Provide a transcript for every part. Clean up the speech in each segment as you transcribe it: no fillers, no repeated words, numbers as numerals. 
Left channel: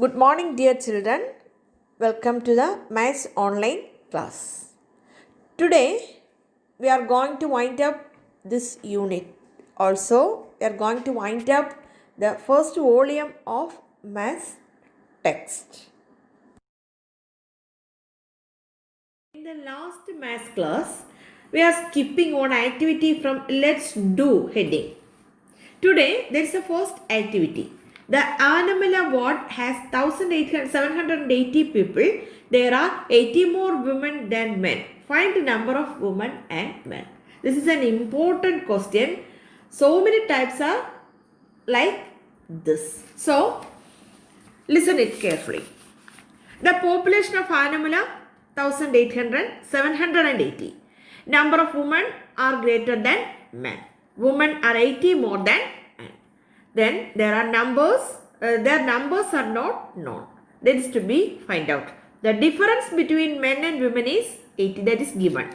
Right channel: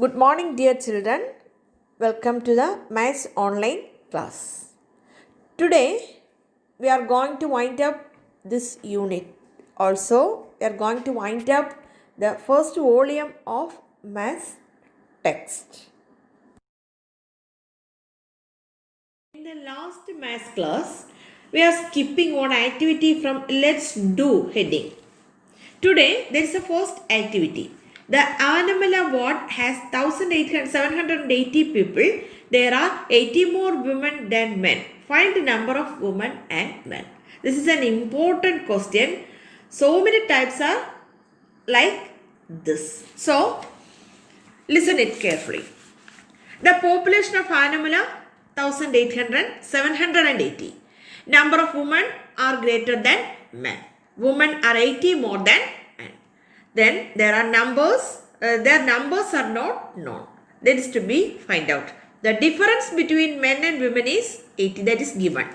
Good morning, dear children. Welcome to the Maths online class. Today, we are going to wind up this unit. Also, we are going to wind up the first volume of Maths text. In the last Maths class, we are skipping one activity from Let's Do heading. Today, there is a first activity. The Anamala ward has 780 people. There are 80 more women than men. Find the number of women and men. This is an important question. So many types are like this. So, listen it carefully. The population of Anamala 1800, 780. Number of women are greater than men. Women are 80 more than men. Then there are numbers. Their numbers are not known. That is to be find out. The difference between men and women is 80. That is given.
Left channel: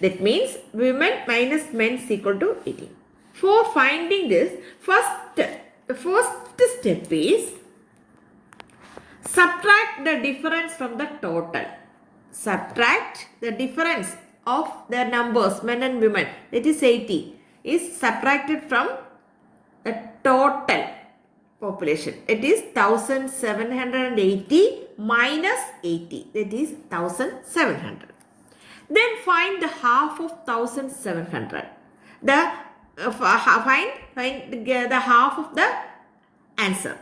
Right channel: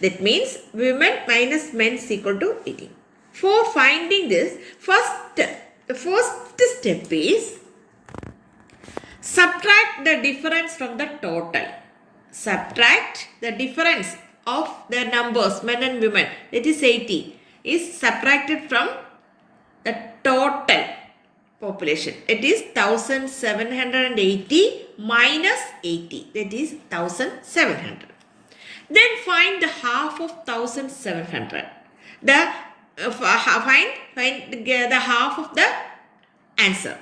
That means women minus men is equal to 80. For finding this, the first step is subtract the difference from the total. Subtract the difference of the numbers, men and women, that is 80, is subtracted from the total population. It is 1780 minus 80, that is 1700. Then find the half of 1700. Find the half of the answer.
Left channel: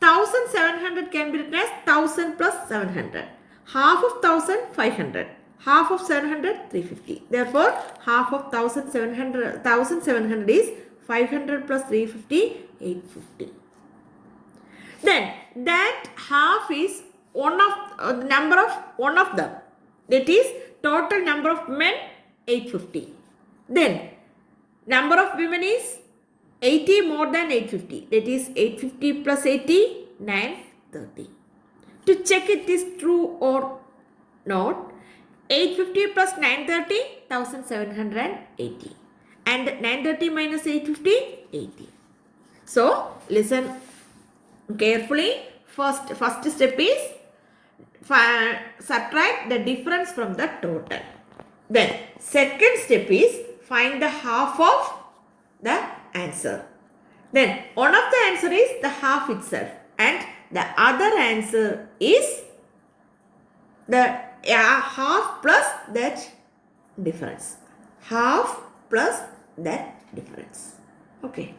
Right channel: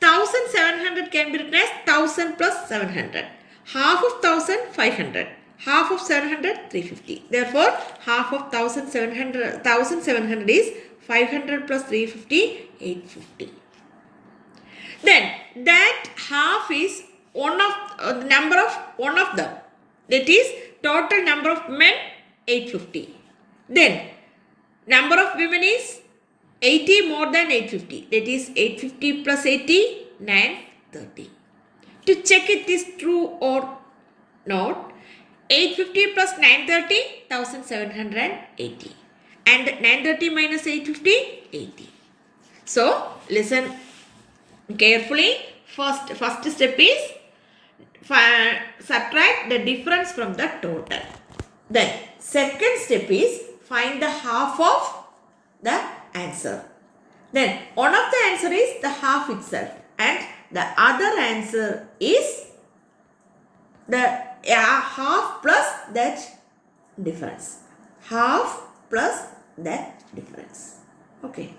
1700 can be written as 1000 plus 700. Half of 1000, 500. Half of 700, 350. Therefore, half of 1700 is 500 plus 350, 850. Then, that half is number of one of them. That is, total number of men, 850. Then, number of women is 80 more than 850. That is 850 plus 80, 930. To check it is true or not, 850 plus 930, 1780. And 930 minus 850, 80. So, listen carefully. First step is subtract the difference from the total. Then, second step is find the half of the answer. Then one of the answer is the half itself and the other answer is the half plus that difference. Half plus that difference. Okay.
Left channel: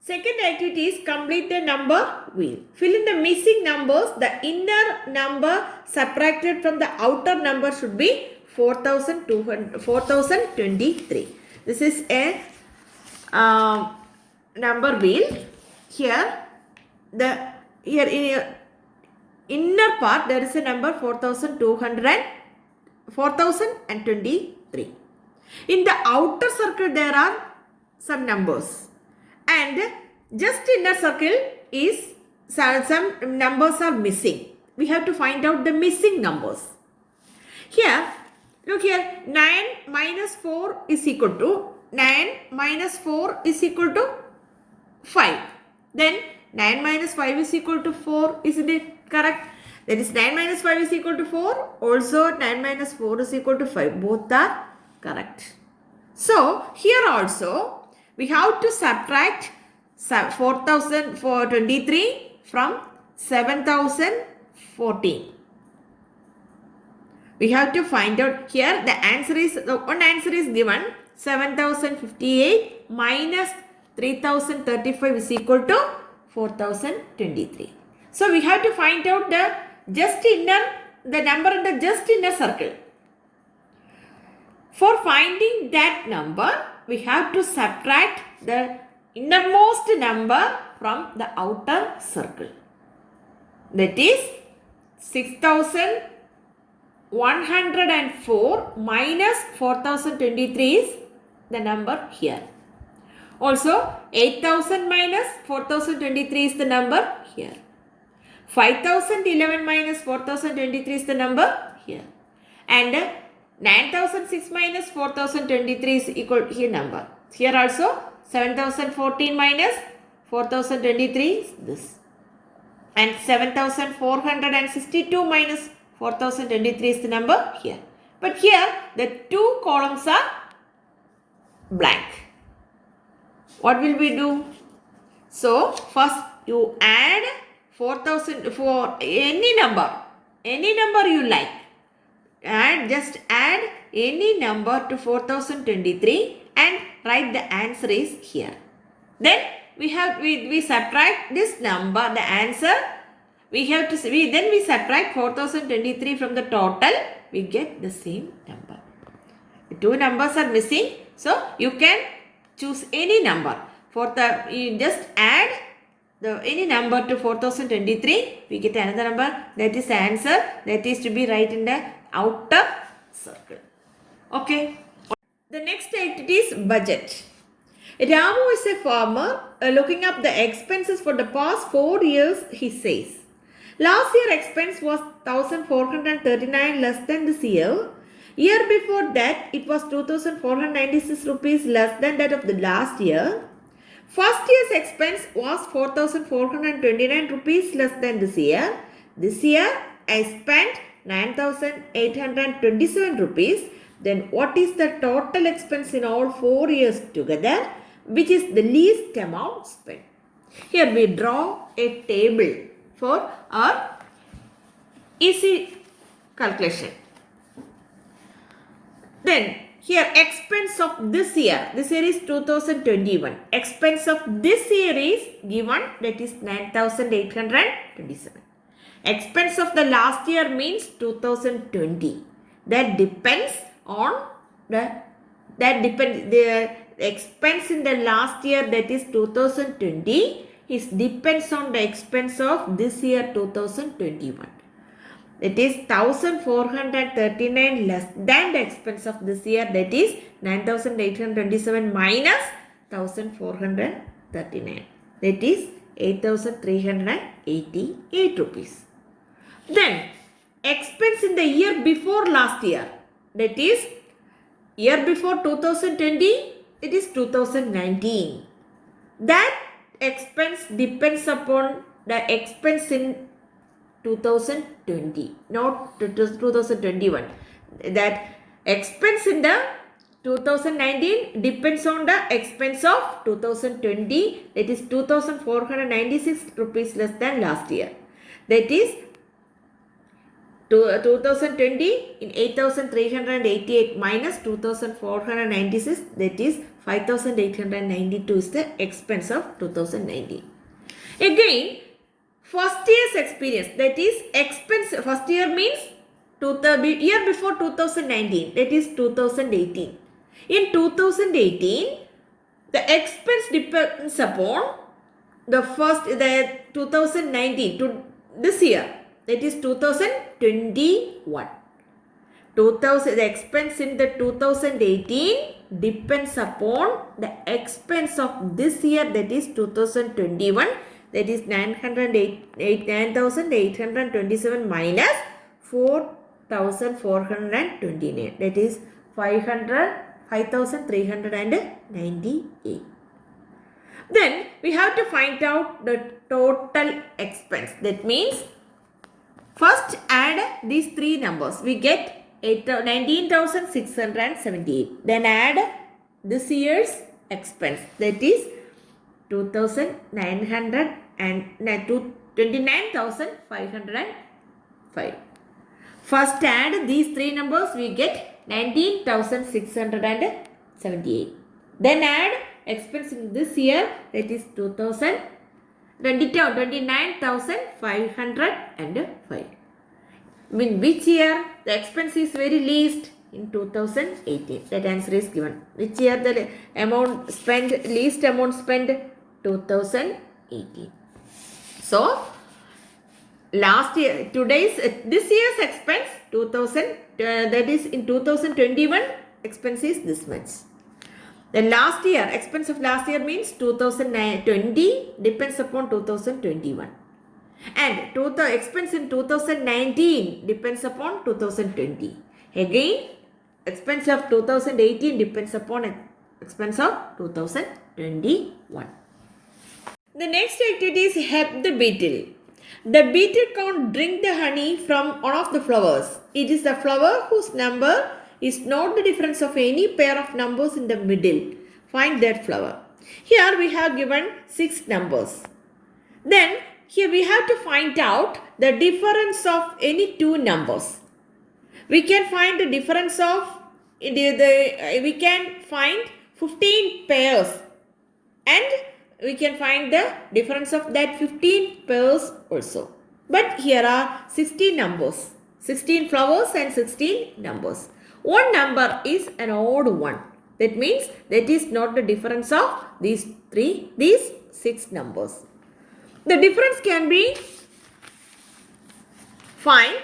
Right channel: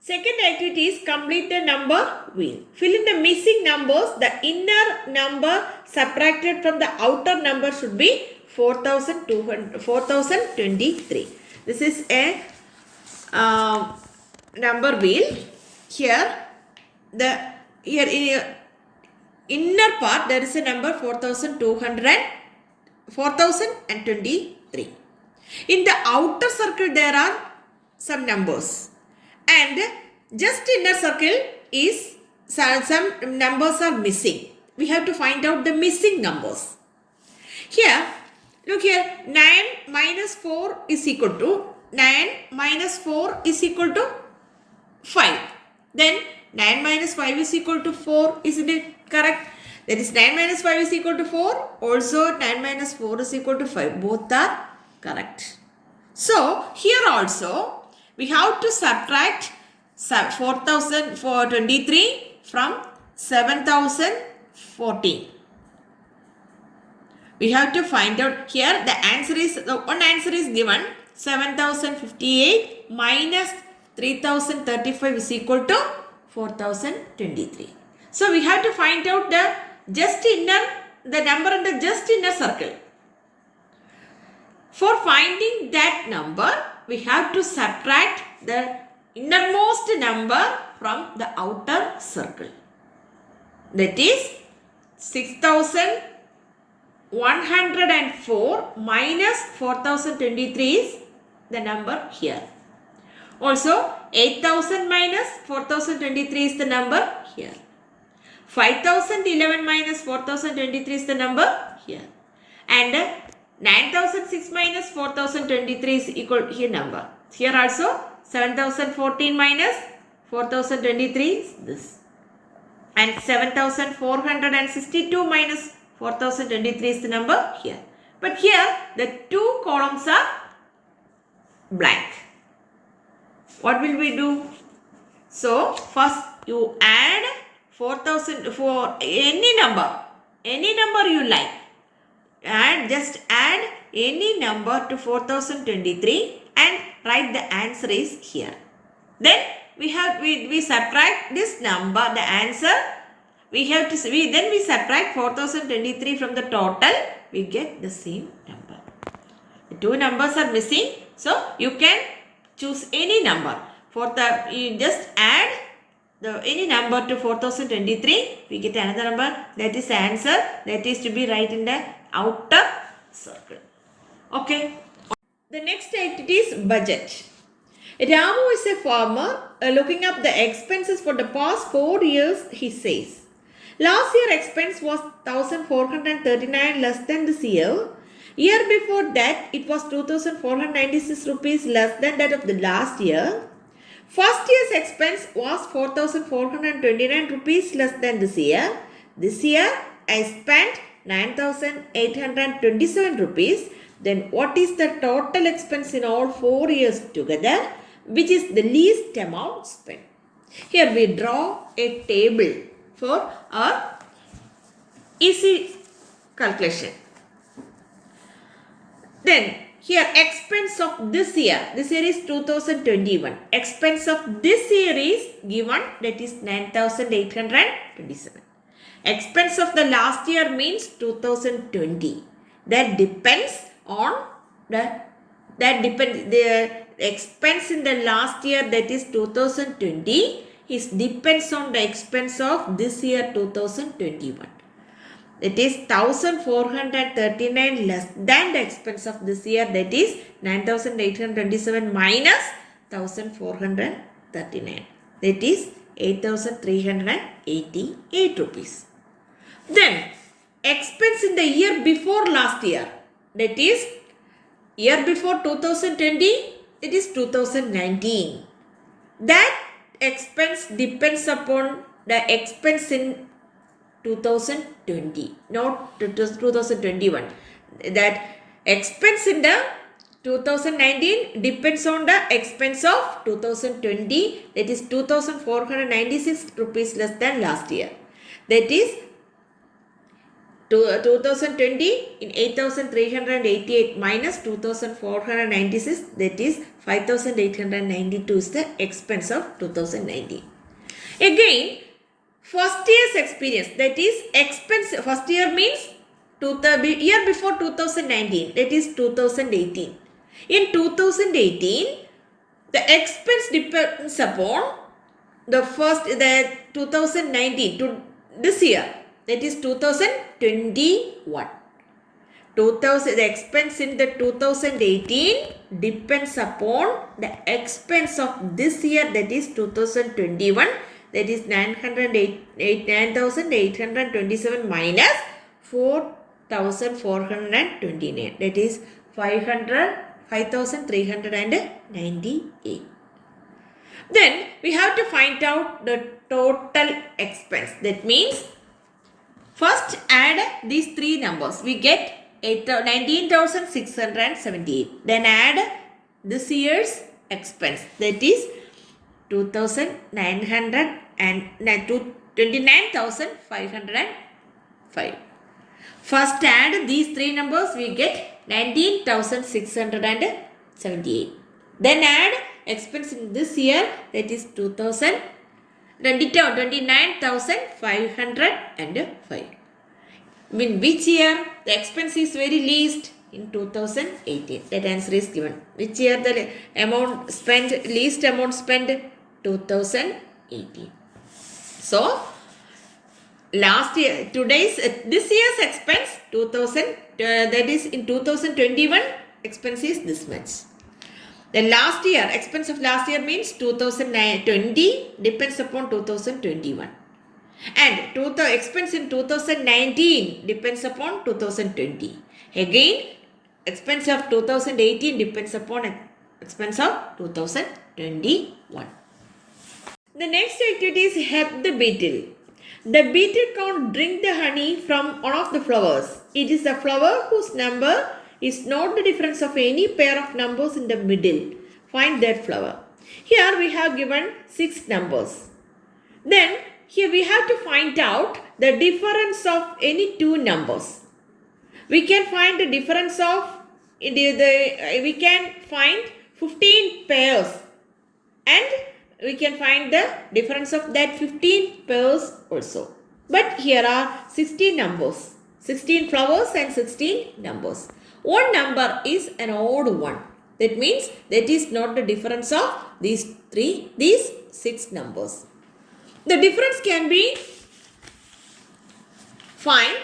Second activity is complete the number wheel. Fill in the missing numbers. The inner number subtracted from the outer number should be 4023. This is a number wheel. Here in inner part there is a number 4023. In the outer circle there are some numbers and just inner circle is some numbers are missing. We have to find out the missing numbers. Here, look here, 9 minus 4 is equal to 9 minus 4 is equal to 5. Then 9 minus 5 is equal to 4. Isn't it correct? That is 9 minus 5 is equal to 4. Also 9 minus 4 is equal to 5. Both are correct. So here also we have to subtract 4023 from 7014. We have to find out here the answer is, one answer is given 7058 minus 3035 is equal to 4023. So we have to find out the number in the just inner circle. For finding that number, we have to subtract the innermost number from the outer circle. That is 6104 minus 4023 is the number here. Also 8000 minus 4023 is the number here. 5011 minus 4023 is the number here. And 9006 minus 4023 is equal here number. Here also 7014 minus 4023 is this. And 7462 minus 4023 is the number here. But here the two columns are blank. What will we do? So first you add 4000 for any number you like. And just add any number to 4023 and write the answer is here. Then we subtract this number, the answer. We subtract 4023 from the total. We get the same number. The two numbers are missing, so you can choose any number. You just add any number to 4023. We get another number. That is the answer. That is to be right in the outer circle. Okay. The next activity is budget. Ramu is a farmer looking up the expenses for the past 4 years, he says. Last year expense was 1439 less than this year. Year before that it was 2496 rupees less than that of the last year. First year's expense was 4429 rupees less than this year. This year I spent 9827 rupees. Then what is the total expense in all 4 years together? Which is the least amount spent. Here we draw a table for our easy calculation. Then here expense of this year is 2021. Expense of this year is given, that is 9827. Expense of the last year means 2020. That depends on the expense in the last year, that is 2020, depends on the expense of this year 2021. It is 1439 less than the expense of this year, that is 9827 minus 1439, that is 8388 rupees. Then expense in the year before last year, that is year before 2020, it is 2019. That expense depends upon the expense in 2020, not 2021. That expense in the 2019 depends on the expense of 2020, that is 2496 rupees less than last year. That is 2020 in 8388 minus 2496, that is 5892 is the expense of 2019. Again, first year's experience, that is expense, first year means year before 2019, that is 2018. In 2018, the expense depends upon the 2019 to this year, that is 2021. The expense in the 2018 depends upon the expense of this year, that is 2021, that is 9827 minus 4429, that is 5398. Then we have to find out the total expense. That means first add these three numbers. We get 19,678. Then add this year's expense, that is 29,505. First add these three numbers, we get 19,678. Then add expense in this year, that is 29,505. In which year the expense is very least? In 2018. That answer is given. Which year the amount spent, least amount spent? 2018. So last year, this year's expense 2000, that is in 2021 expense is this much. The last year, expense of last year means 2020 depends upon 2021. And total expense in 2019 depends upon 2020. Again, expense of 2018 depends upon expense of 2021. The next activity is help the beetle. The beetle can't drink the honey from one of the flowers. It is the flower whose number is not the difference of any pair of numbers in the middle. Find that flower. Here we have given 6 numbers. Then here we have to find out the difference of any 2 numbers. We can find the difference of we can find 15 pairs and we can find the difference of that 15 pairs also. But here are 16 numbers, 16 flowers and 16 numbers. One number is an odd one. That means that is not the difference of these 6 numbers. The difference can be find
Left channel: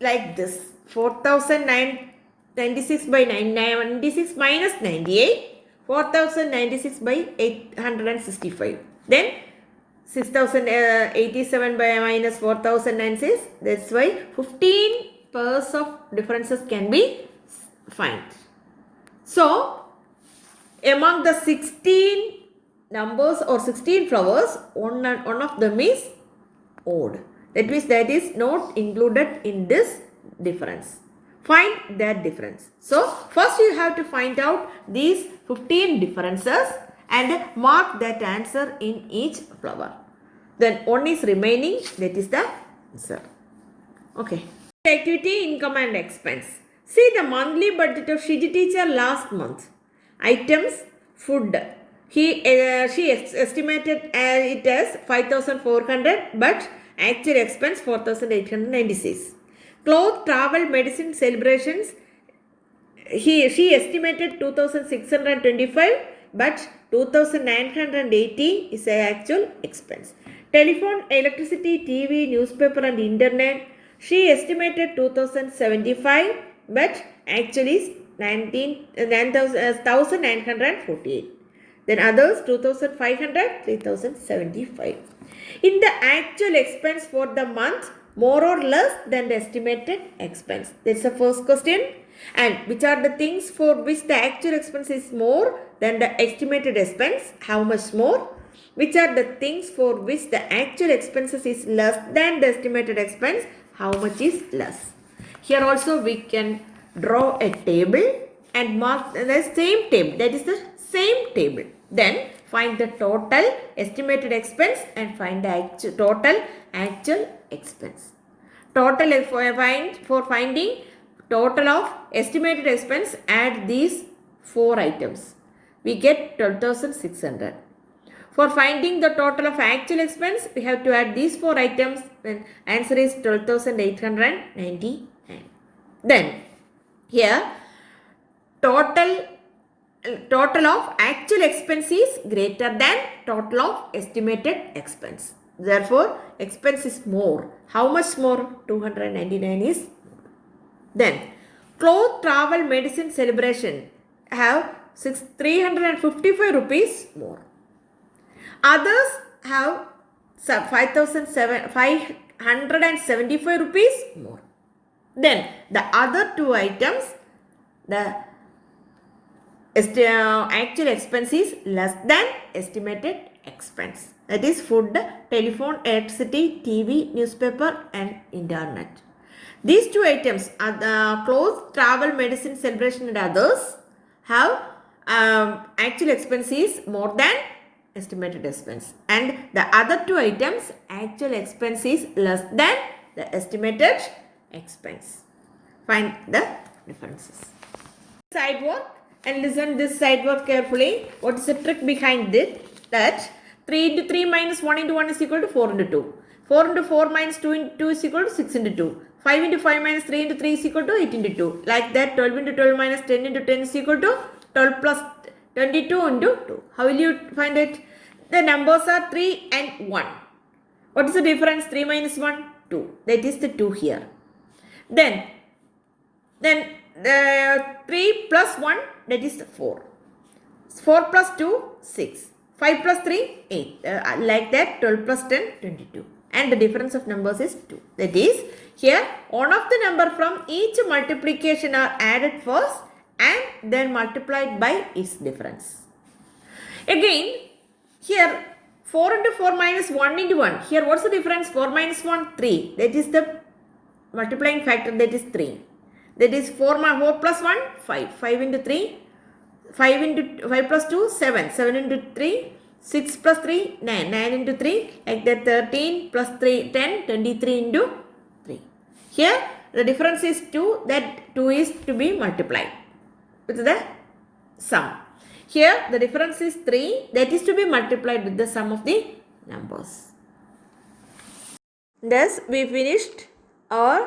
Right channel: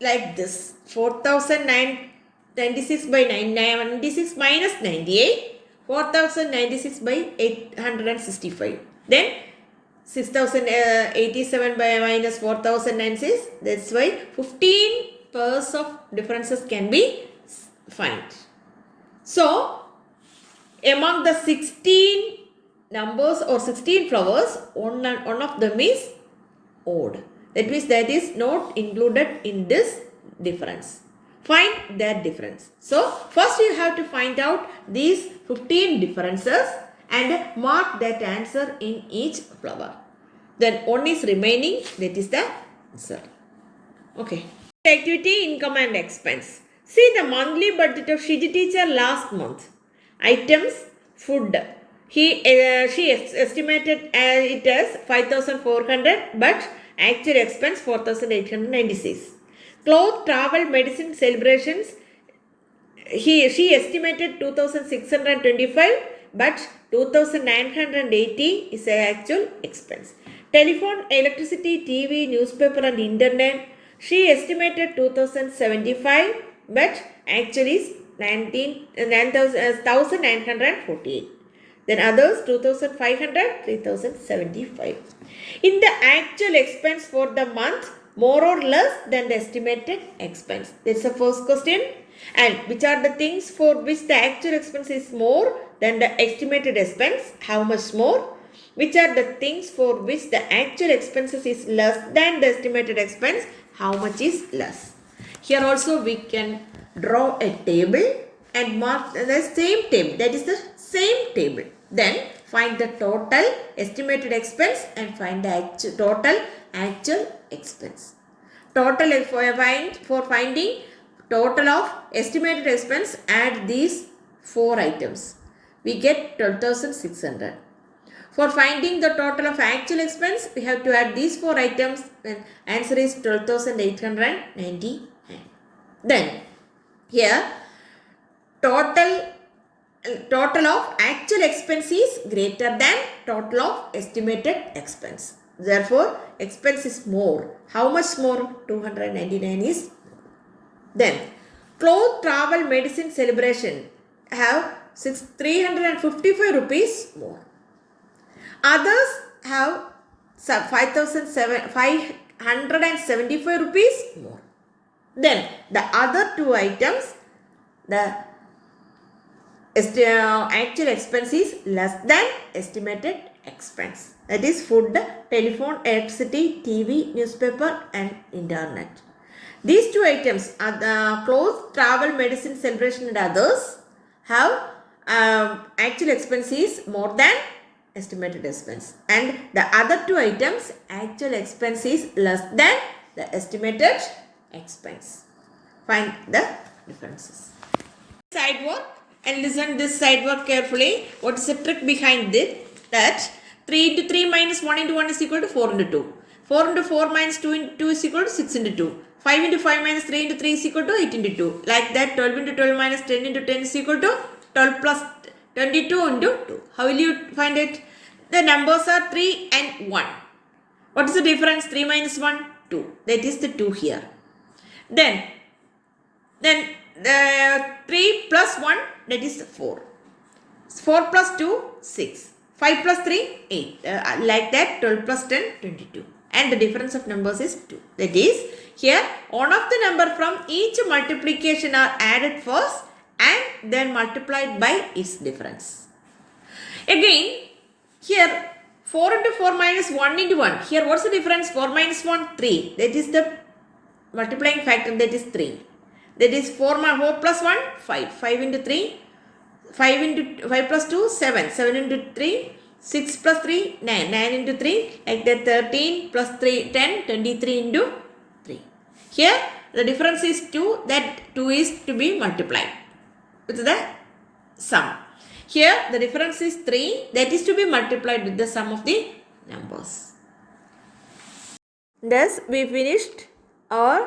like this. 4096 by 996 minus 98. 4096 by 865. Then 6087 by minus 4096. That's why 15 pairs of differences can be found. So, among the 16 numbers or 16 flowers, one of them is odd. That means that is not included in this difference. Find that difference. So, first you have to find out these 15 differences and mark that answer in each flower. Then one is remaining, that is the answer. Okay. Activity, income and expense. See the monthly budget of Shiji teacher last month. Items, food. She estimated it as 5,400 but actual expense 4,896. Cloth, travel, medicine, celebrations. She estimated 2,625 but 2,980 is the actual expense. Telephone, electricity, TV, newspaper and internet. She estimated 2,075 but actually is 1,948. Then others 2,500, 3,075. In the actual expense for the month, more or less than the estimated expense. That's the first question. And which are the things for which the actual expense is more than the estimated expense? How much more? Which are the things for which the actual expenses is less than the estimated expense? How much is less? Here also we can draw a table and mark the same table. That is the same table. Then find the total estimated expense and find the total actual expense. Total for finding total of estimated expense, add these 4 items. We get 12,600. For finding the total of actual expense, we have to add these 4 items. Then answer is 12,899. Then here total of actual expense is greater than total of estimated expense. Therefore, expense is more. How much more? 299 is more. Then, cloth, travel, medicine, celebration have 355 rupees more. Others have 575 rupees more. Then, the other 2 items, the actual expense is less than estimated expense. That is food, telephone, electricity, TV, newspaper and internet. These 2 items are the clothes, travel, medicine, celebration and others have actual expense is more than estimated expense. And the other 2 items actual expense is less than the estimated expense. Find the differences. Side work. And listen this side work carefully. What is the trick behind it? That 3 into 3 minus 1 into 1 is equal to 4 into 2. 4 into 4 minus 2 into 2 is equal to 6 into 2. 5 into 5 minus 3 into 3 is equal to 8 into 2. Like that 12 into 12 minus 10 into 10 is equal to 12 plus 22 into 2. How will you find it? The numbers are 3 and 1. What is the difference? 3 minus 1? 2. That is the 2 here. Then the 3 plus 1, that is 4. 4 plus 2, 6. 5 plus 3, 8. Like that 12 plus 10, 22. And the difference of numbers is 2. That is, here one of the number from each multiplication are added first and then multiplied by its difference. Again, here 4 into 4 minus 1 into 1. Here what's the difference? 4 minus 1, 3. That is the multiplying factor, that is 3. That is 4 plus 1, 5. 5 into 3, 5 into 5 plus 2, 7. 7 into 3, 6 plus 3, 9. 9 into 3, like that 13 plus 3, 10, 23 into 3. Here the difference is 2, that 2 is to be multiplied with the sum. Here the difference is 3, that is to be multiplied with the sum of the numbers. Thus we finished our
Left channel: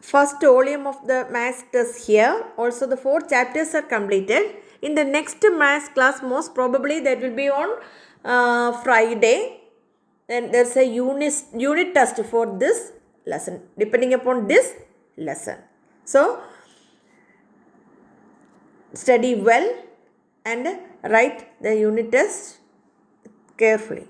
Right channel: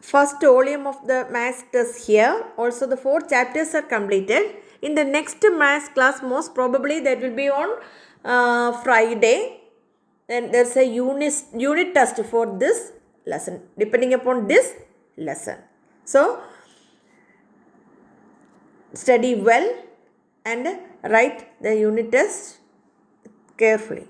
first volume of the maths test here. Also the 4 chapters are completed. In the next maths class, most probably that will be on Friday. Then there's a unit test for this lesson, depending upon this lesson. So study well and write the unit test carefully.